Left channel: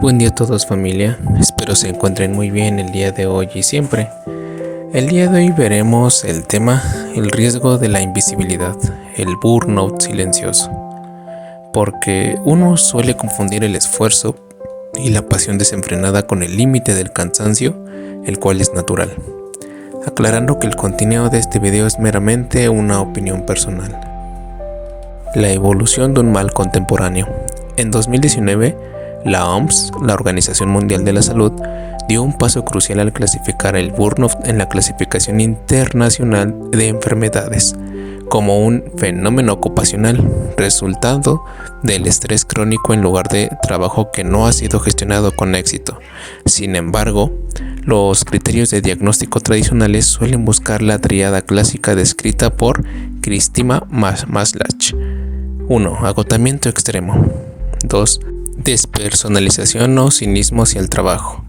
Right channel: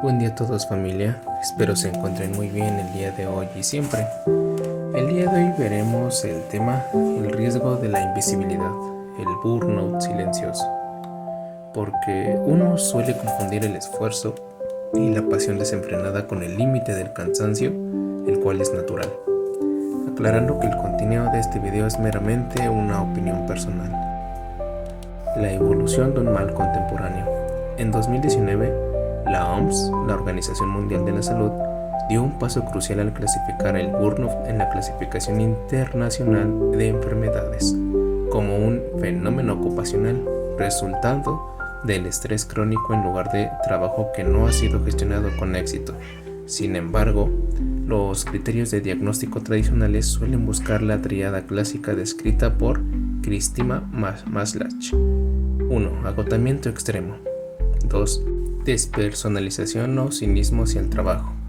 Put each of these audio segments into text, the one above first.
Buen día a todos, familia, espero se encuentren muy bien el día de hoy y siempre. El día de hoy veremos el tema, el riesgo de la invisibilidad, el burnout silencioso, porque uno suele confundir el esfuerzo y la pasión desenfrenada con el límite del cansancio, el cual es natural. Aclarando que el contenido de este video es meramente una opinión personal. La evolución de un mal contemporáneo. En 2019, la OMS, la Organización Mundial de la Salud, dio un paso crucial al clasificar el burnout en la clasificación internacional de enfermedades como un fenómeno ocupacional, resultado del estrés crónico en lugar de trabajo que no ha sido gestionado con éxito. Sin embargo, los criterios de diagnóstico tradicionales suelen buscar la tríada clásica descrita por Cristina Maslach. 1. Agotamiento extremo. 2. Despersonalización o cinismo hacia el trabajo.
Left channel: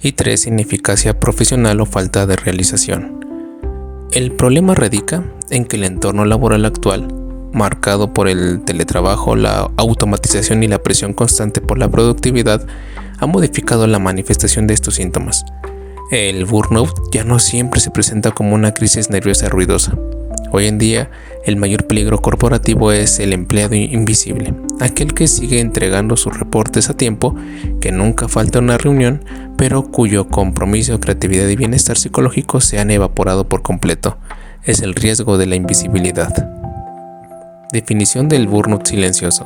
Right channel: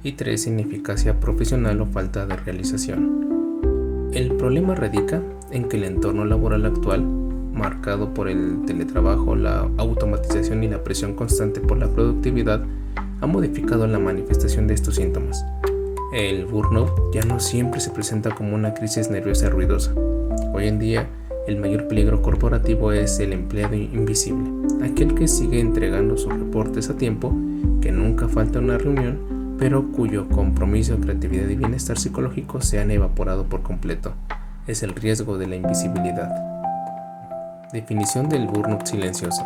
Y 3. Ineficacia profesional o falta de realización. El problema radica en que el entorno laboral actual, marcado por el teletrabajo, la automatización y la presión constante por la productividad, ha modificado la manifestación de estos síntomas. El burnout ya no siempre se presenta como una crisis nerviosa ruidosa. Hoy en día, el mayor peligro corporativo es el empleado invisible, aquel que sigue entregando sus reportes a tiempo, que nunca falta una reunión, pero cuyo compromiso, creatividad y bienestar psicológico se han evaporado por completo. Es el riesgo de la invisibilidad. Definición del burnout silencioso.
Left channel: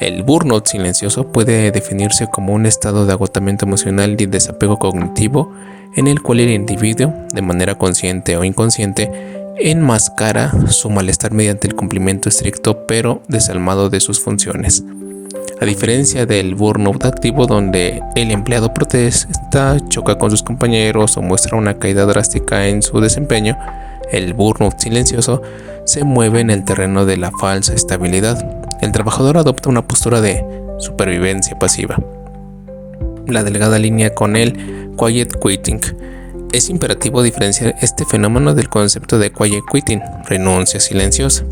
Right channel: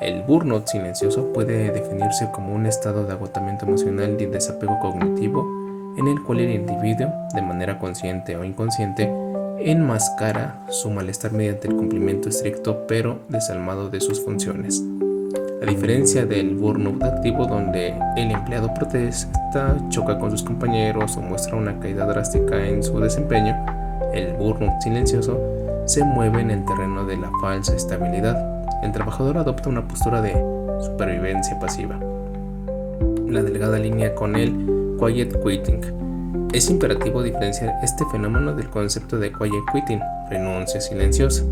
El burnout silencioso puede definirse como un estado de agotamiento emocional y desapego cognitivo en el cual el individuo, de manera consciente o inconsciente, enmascara su malestar mediante el cumplimiento estricto pero desalmado de sus funciones. A diferencia del burnout activo, donde el empleado protesta, choca con sus compañeros o muestra una caída drástica en su desempeño, el burnout silencioso se mueve en el terreno de la falsa estabilidad. El trabajador adopta una postura de supervivencia pasiva. La delgada línea con el quiet quitting. Es imperativo diferenciar este fenómeno del concepto de quiet quitting, renuncia silenciosa.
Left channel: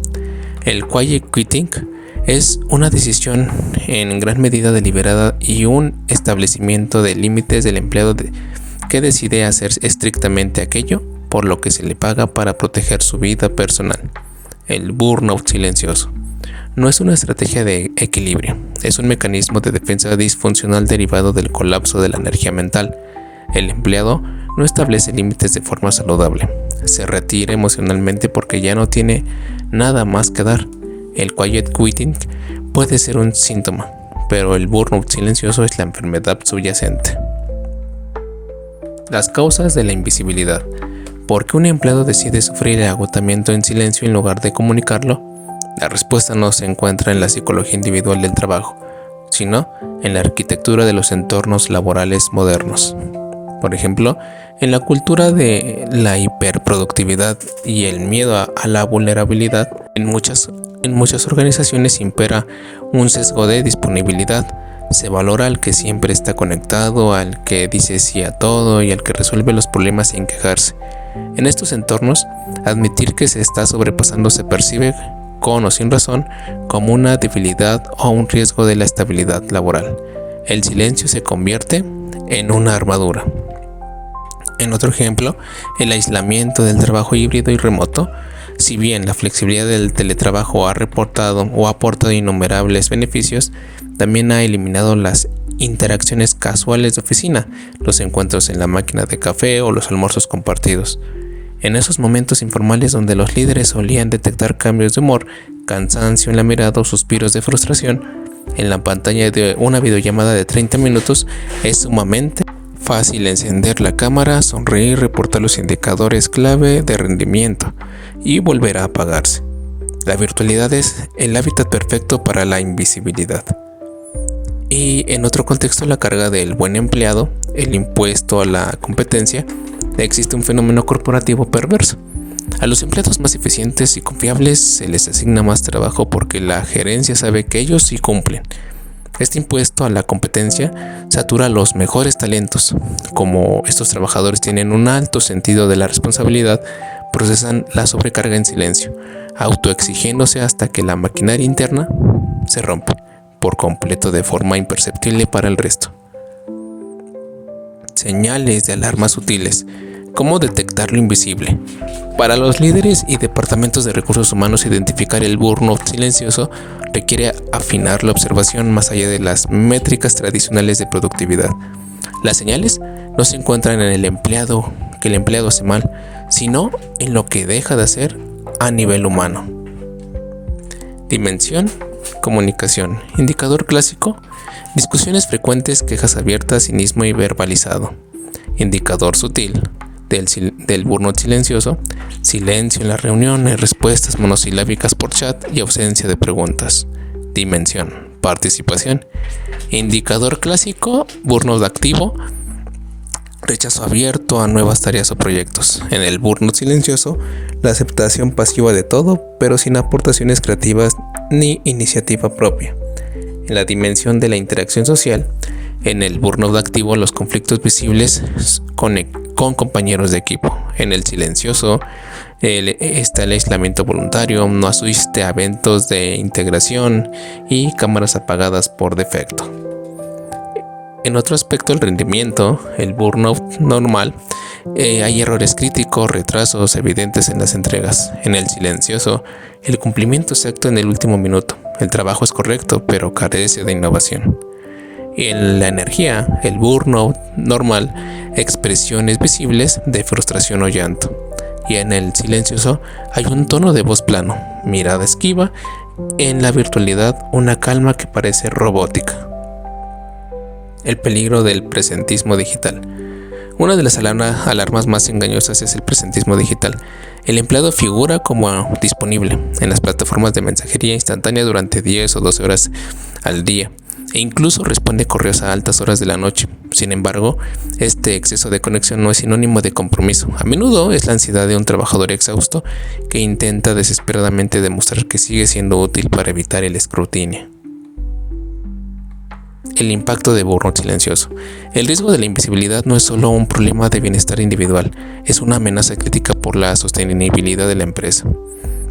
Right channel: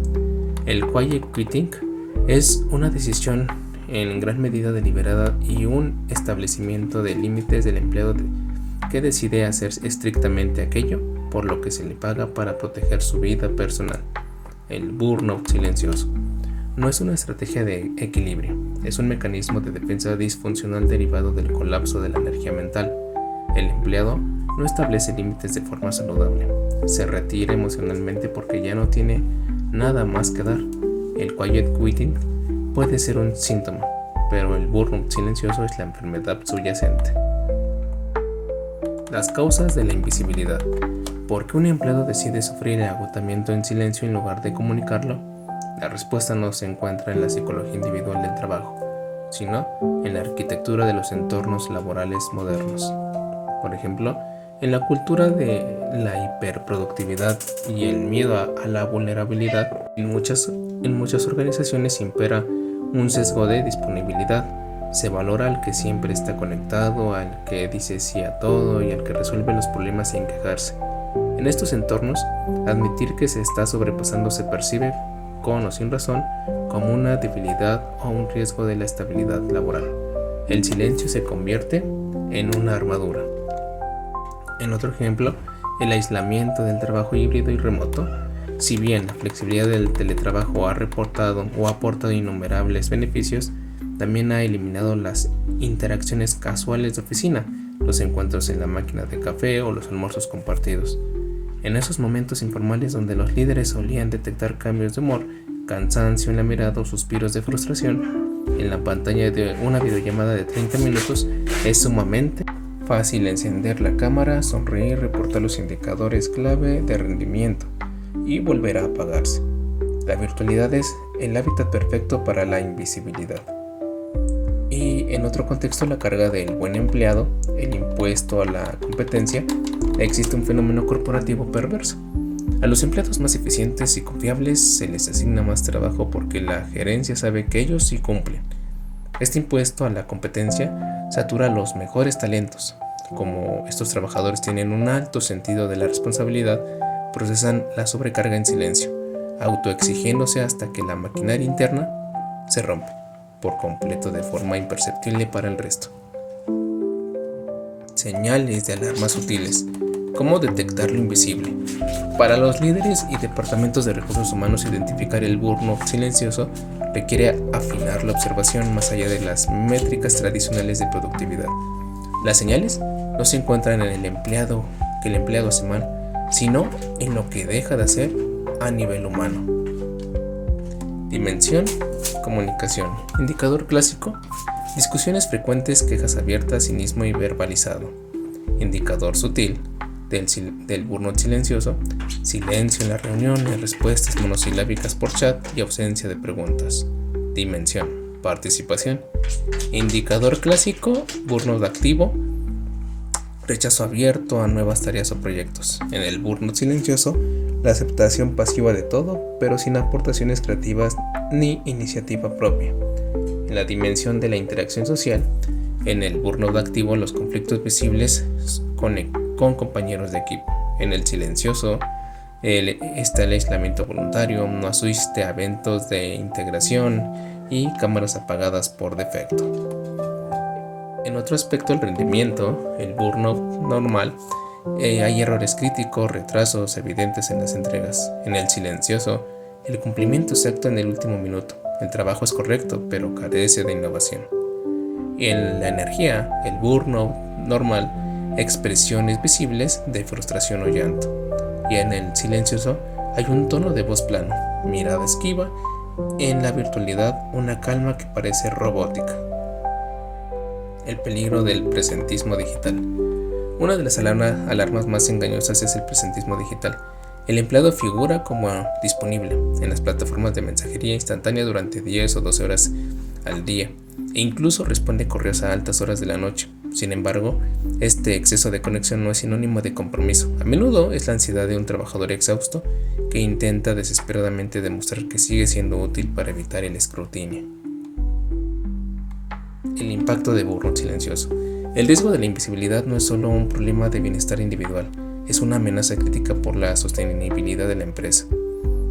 El quiet quitting es una decisión en gran medida deliberada y un establecimiento de límites del empleado que decide hacer estrictamente aquello por lo que se le paga para proteger su vida personal. El burnout silencioso no es una estrategia de equilibrio, es un mecanismo de defensa disfuncional derivado del colapso de la energía mental. El empleado no establece límites de forma saludable, se retira emocionalmente porque ya no tiene nada más que dar. El quiet quitting puede ser un síntoma, pero el burnout silencioso es la enfermedad subyacente. Las causas de la invisibilidad. ¿Por qué un empleado decide sufrir el agotamiento en silencio en lugar de comunicarlo? La respuesta no se encuentra en la psicología individual del trabajo, sino en la arquitectura de los entornos laborales modernos. Por ejemplo, en la cultura de la hiperproductividad y el miedo a la vulnerabilidad, en muchas organizaciones impera un sesgo de disponibilidad. Se valora al que siempre está conectado, al que dice sí a todo y al que resuelve los problemas sin quejarse. En estos entornos, admitir que se está sobrepasando se percibe, con o sin razón, como una debilidad o un riesgo de la estabilidad laboral. El silencio se convierte en una armadura. En otro ejemplo, el aislamiento del trabajo híbrido y remoto. Si bien la flexibilidad del teletrabajo ha aportado innumerables beneficios, también ha eliminado las interacciones casuales de oficina, los encuentros en la máquina de café o los almuerzos compartidos. En esos momentos informales donde los líderes solían detectar cambios de humor, cansancio en la mirada o suspiros de frustración, en la pantalla de una videollamada de 30 minutos es sumamente fácil encender la cámara, sonreír, reportar los indicadores clave de rendimiento y volver a apagarse. La virtualidad es el hábitat perfecto para la invisibilidad. Y en otro contexto, la carga del buen empleado, el impuesto a la competencia, existe un fenómeno corporativo perverso. A los empleados más eficientes y confiables se les asigna más trabajo porque la gerencia sabe que ellos sí cumplen. Este impuesto a la competencia satura a los mejores talentos. Como estos trabajadores tienen un alto sentido de la responsabilidad, procesan la sobrecarga en silencio, autoexigiéndose hasta que la maquinaria interna se rompe por completo de forma imperceptible para el resto. señales de alarma sutiles. ¿Cómo detectar lo invisible? Para los líderes y departamentos de recursos humanos, identificar el burnout silencioso requiere afinar la observación más allá de las métricas tradicionales de productividad. Las señales no se encuentran en el empleado, que el empleado hace mal, sino en lo que deja de hacer a nivel humano. Dimensión, comunicación. Indicador clásico: discusiones frecuentes, quejas abiertas, cinismo y verbalizado. Indicador sutil del burnout silencioso: silencio en las reuniones, respuestas monosilábicas por chat y ausencia de preguntas. Dimensión, participación. Indicador clásico: burnout activo, rechazo abierto a nuevas tareas o proyectos. En el burnout silencioso, la aceptación pasiva de todo, pero sin aportaciones creativas ni iniciativa propia. En la dimensión de la interacción social, en el burnout activo, los conflictos visibles con compañeros de equipo. En el silencioso está el aislamiento voluntario, no asiste a eventos de integración y cámaras apagadas por defecto. En otro aspecto, el rendimiento, el burnout normal, hay errores críticos, retrasos evidentes en las entregas. En el silencioso, el cumplimiento exacto en el último minuto. El trabajo es correcto, pero carece de innovación. En la energía, el burnout normal, expresiones visibles de frustración o llanto. Y en el silencioso hay un tono de voz plano, mirada esquiva, en la virtualidad una calma que parece robótica. El peligro del presentismo digital. Una de las alarmas más engañosas es el presentismo digital. El empleado figura como disponible en las plataformas de mensajería instantánea durante 10 o 12 horas al día e incluso responde correos a altas horas de la noche. Sin embargo, este exceso de conexión no es sinónimo de compromiso. A menudo es la ansiedad de un trabajador exhausto que intenta desesperadamente demostrar que sigue siendo útil para evitar el escrutinio. El impacto de burnout silencioso. El riesgo de la invisibilidad no es solo un problema de bienestar individual, es una amenaza crítica por la sostenibilidad de la empresa.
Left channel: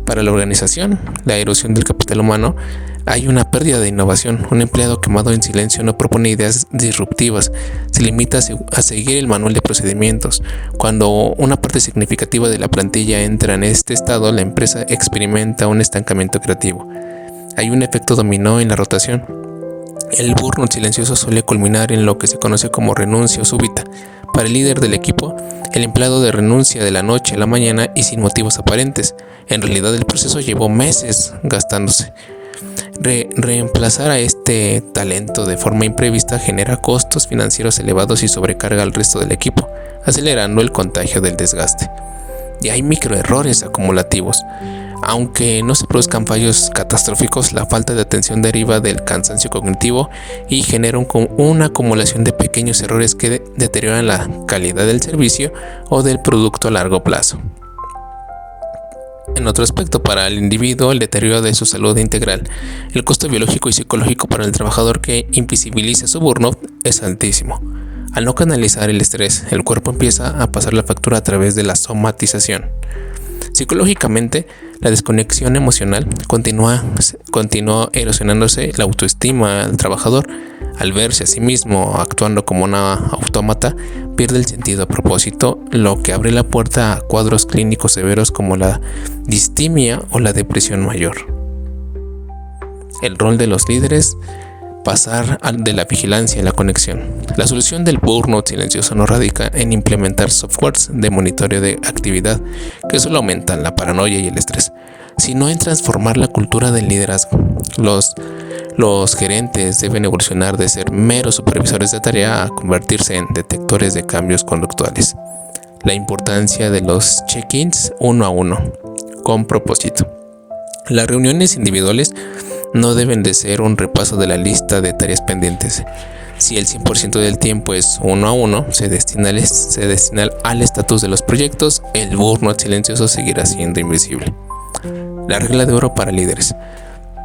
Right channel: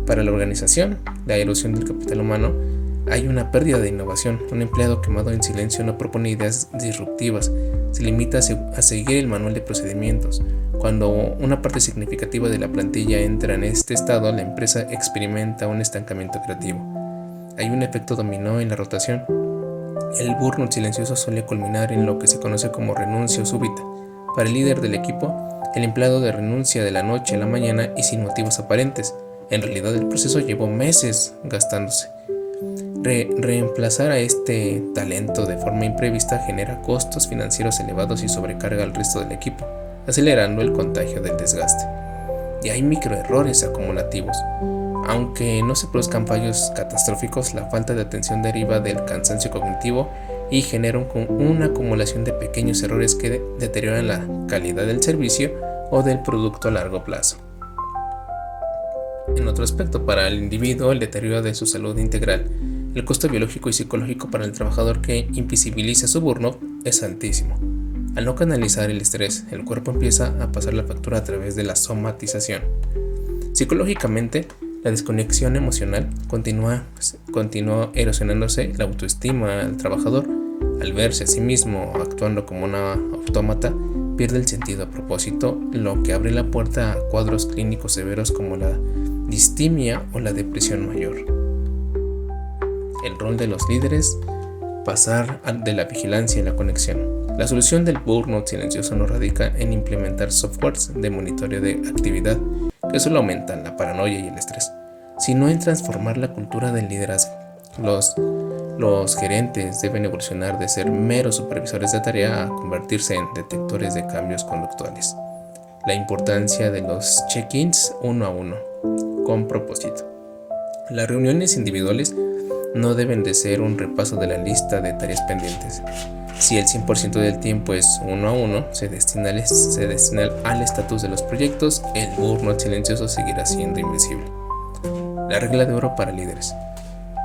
Para la organización, la erosión del capital humano, hay una pérdida de innovación. Un empleado quemado en silencio no propone ideas disruptivas, se limita a seguir el manual de procedimientos. Cuando una parte significativa de la plantilla entra en este estado, la empresa experimenta un estancamiento creativo. Hay un efecto dominó en la rotación. El burnout silencioso suele culminar en lo que se conoce como renuncia súbita. Para el líder del equipo, el empleado de renuncia de la noche a la mañana y sin motivos aparentes. En realidad el proceso llevó meses gastándose. Reemplazar a este talento de forma imprevista genera costos financieros elevados y sobrecarga al resto del equipo, acelerando el contagio del desgaste. Y hay microerrores acumulativos. Aunque no se produzcan fallos catastróficos, la falta de atención deriva del cansancio cognitivo y genera una acumulación de pequeños errores que deterioran la calidad del servicio o del producto a largo plazo. En otro aspecto, para el individuo, el deterioro de su salud integral. El costo biológico y psicológico para el trabajador que invisibiliza su burnout es altísimo. Al no canalizar el estrés, el cuerpo empieza a pasar la factura a través de la somatización. Psicológicamente, la desconexión emocional continúa erosionándose la autoestima del trabajador. Al verse a sí mismo actuando como una autómata, pierde el sentido a propósito, lo que abre la puerta a cuadros clínicos severos como la distimia o la depresión mayor. El rol de los líderes: pasar de la vigilancia a la conexión. La solución del burnout silencioso no radica en implementar softwares de monitoreo de actividad que solo aumentan la paranoia y el estrés, sino en transformar la cultura del liderazgo. Los gerentes deben evolucionar de ser meros supervisores de tarea a convertirse en detectores de cambios conductuales. La importancia de los check-ins uno a uno, con propósito. Las reuniones individuales no deben de ser un repaso de la lista de tareas pendientes. Si el 100% del tiempo es uno a uno, se destina al estatus de los proyectos, el burnout silencioso seguirá siendo invisible. La regla de oro para líderes:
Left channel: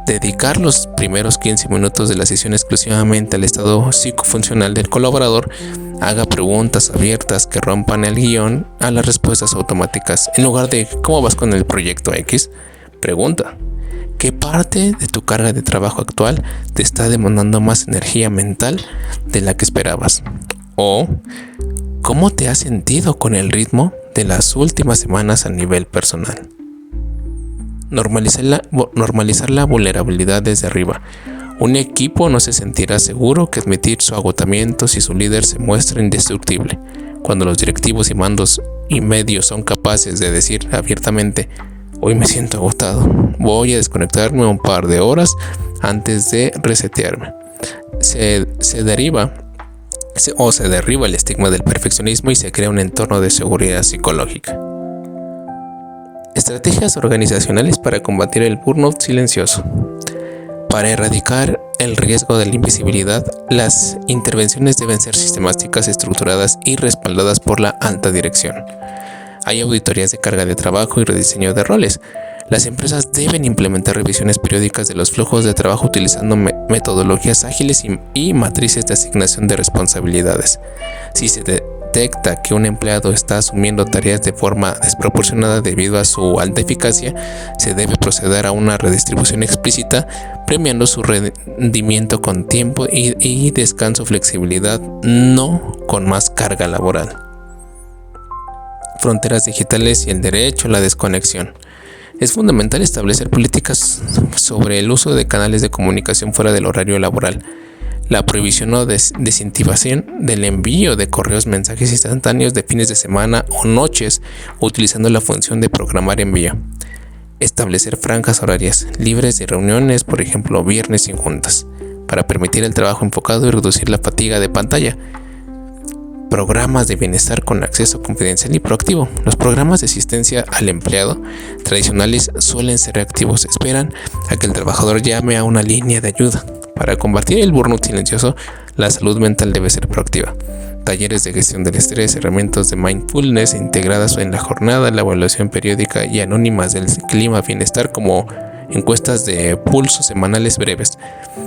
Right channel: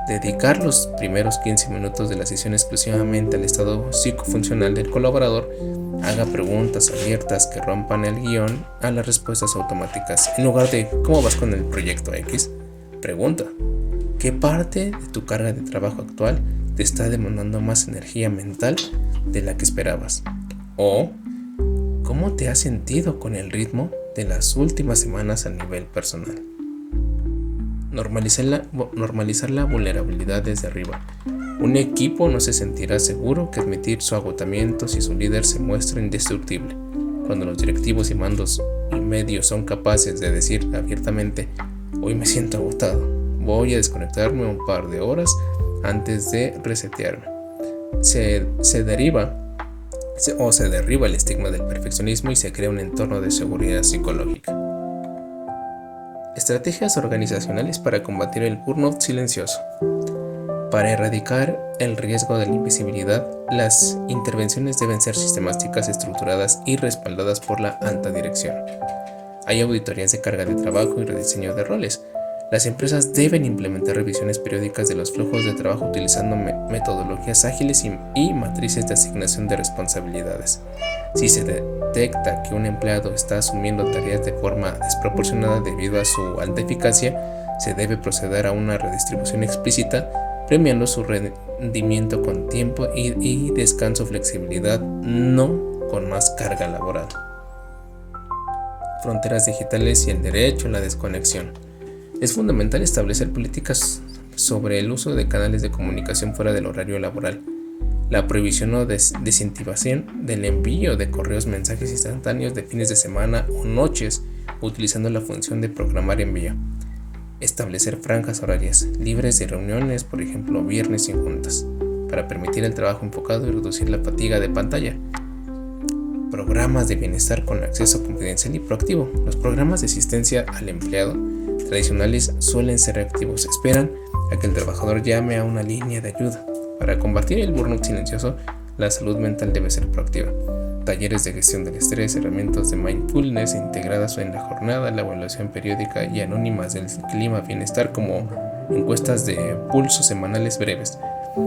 dedicar los primeros 15 minutos de la sesión exclusivamente al estado psicofuncional del colaborador. Haga preguntas abiertas que rompan el guión a las respuestas automáticas. En lugar de ¿cómo vas con el proyecto X?, pregunta: ¿qué parte de tu carga de trabajo actual te está demandando más energía mental de la que esperabas? O cómo te has sentido con el ritmo de las últimas semanas a nivel personal. Normalizar la vulnerabilidad desde arriba. Un equipo no se sentirá seguro que admitir su agotamiento si su líder se muestra indestructible. Cuando los directivos y mandos y medios son capaces de decir abiertamente: hoy me siento agotado, voy a desconectarme un par de horas antes de resetearme. Se derriba el estigma del perfeccionismo y se crea un entorno de seguridad psicológica. Estrategias organizacionales para combatir el burnout silencioso. Para erradicar el riesgo de la invisibilidad, las intervenciones deben ser sistemáticas, estructuradas y respaldadas por la alta dirección. Hay auditorías de carga de trabajo y rediseño de roles. Las empresas deben implementar revisiones periódicas de los flujos de trabajo utilizando metodologías ágiles y matrices de asignación de responsabilidades. Si se detecta que un empleado está asumiendo tareas de forma desproporcionada debido a su alta eficacia, se debe proceder a una redistribución explícita, premiando su rendimiento con tiempo y descanso, flexibilidad, no con más carga laboral. Fronteras digitales y el derecho a la desconexión. Es fundamental establecer políticas sobre el uso de canales de comunicación fuera del horario laboral, la prohibición o desincentivación del envío de mensajes instantáneos de fines de semana o noches, utilizando la función de programar envío. Establecer franjas horarias libres de reuniones, por ejemplo viernes sin juntas, para permitir el trabajo enfocado y reducir la fatiga de pantalla. Programas de bienestar con acceso confidencial y proactivo. Los programas de asistencia al empleado tradicionales suelen ser reactivos, esperan a que el trabajador llame a una línea de ayuda. Para combatir el burnout silencioso, la salud mental debe ser proactiva. Talleres de gestión del estrés, herramientas de mindfulness integradas en la jornada, la evaluación periódica y anónimas del clima bienestar, como encuestas de pulso semanales breves,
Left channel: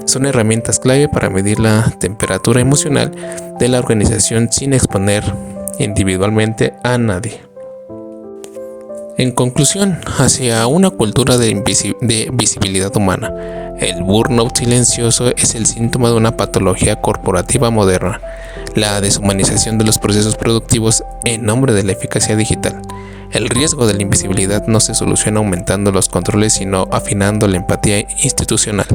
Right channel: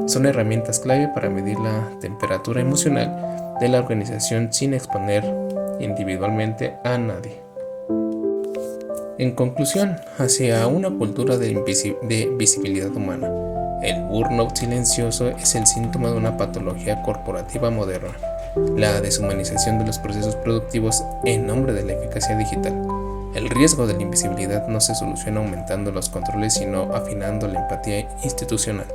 son herramientas clave para medir la temperatura emocional de la organización sin exponer individualmente a nadie. En conclusión, hacia una cultura de visibilidad humana, el burnout silencioso es el síntoma de una patología corporativa moderna, la deshumanización de los procesos productivos en nombre de la eficacia digital. El riesgo de la invisibilidad no se soluciona aumentando los controles, sino afinando la empatía institucional.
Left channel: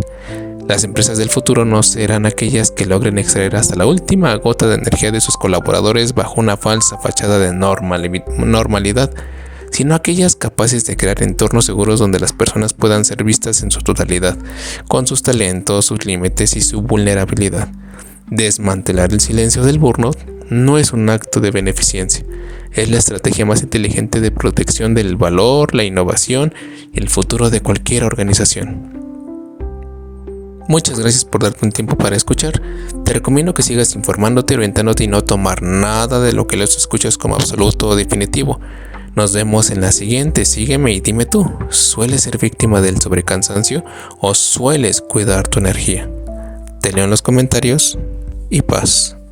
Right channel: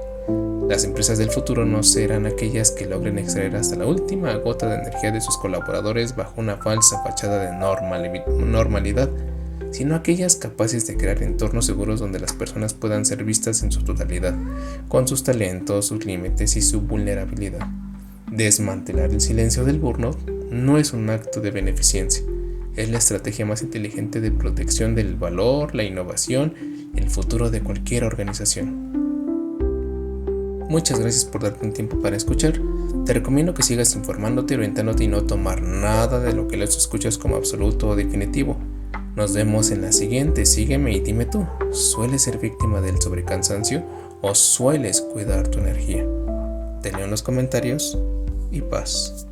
Las empresas del futuro no serán aquellas que logren extraer hasta la última gota de energía de sus colaboradores bajo una falsa fachada de normalidad, sino aquellas capaces de crear entornos seguros donde las personas puedan ser vistas en su totalidad, con sus talentos, sus límites y su vulnerabilidad. Desmantelar el silencio del burnout no es un acto de beneficencia. Es la estrategia más inteligente de protección del valor, la innovación y el futuro de cualquier organización. Muchas gracias por darte un tiempo para escuchar. Te recomiendo que sigas informándote, orientándote y no tomar nada de lo que les escuchas como absoluto o definitivo. Nos vemos en la siguiente. Sígueme y dime tú, ¿sueles ser víctima del sobrecansancio o sueles cuidar tu energía? Te leo en los comentarios y paz.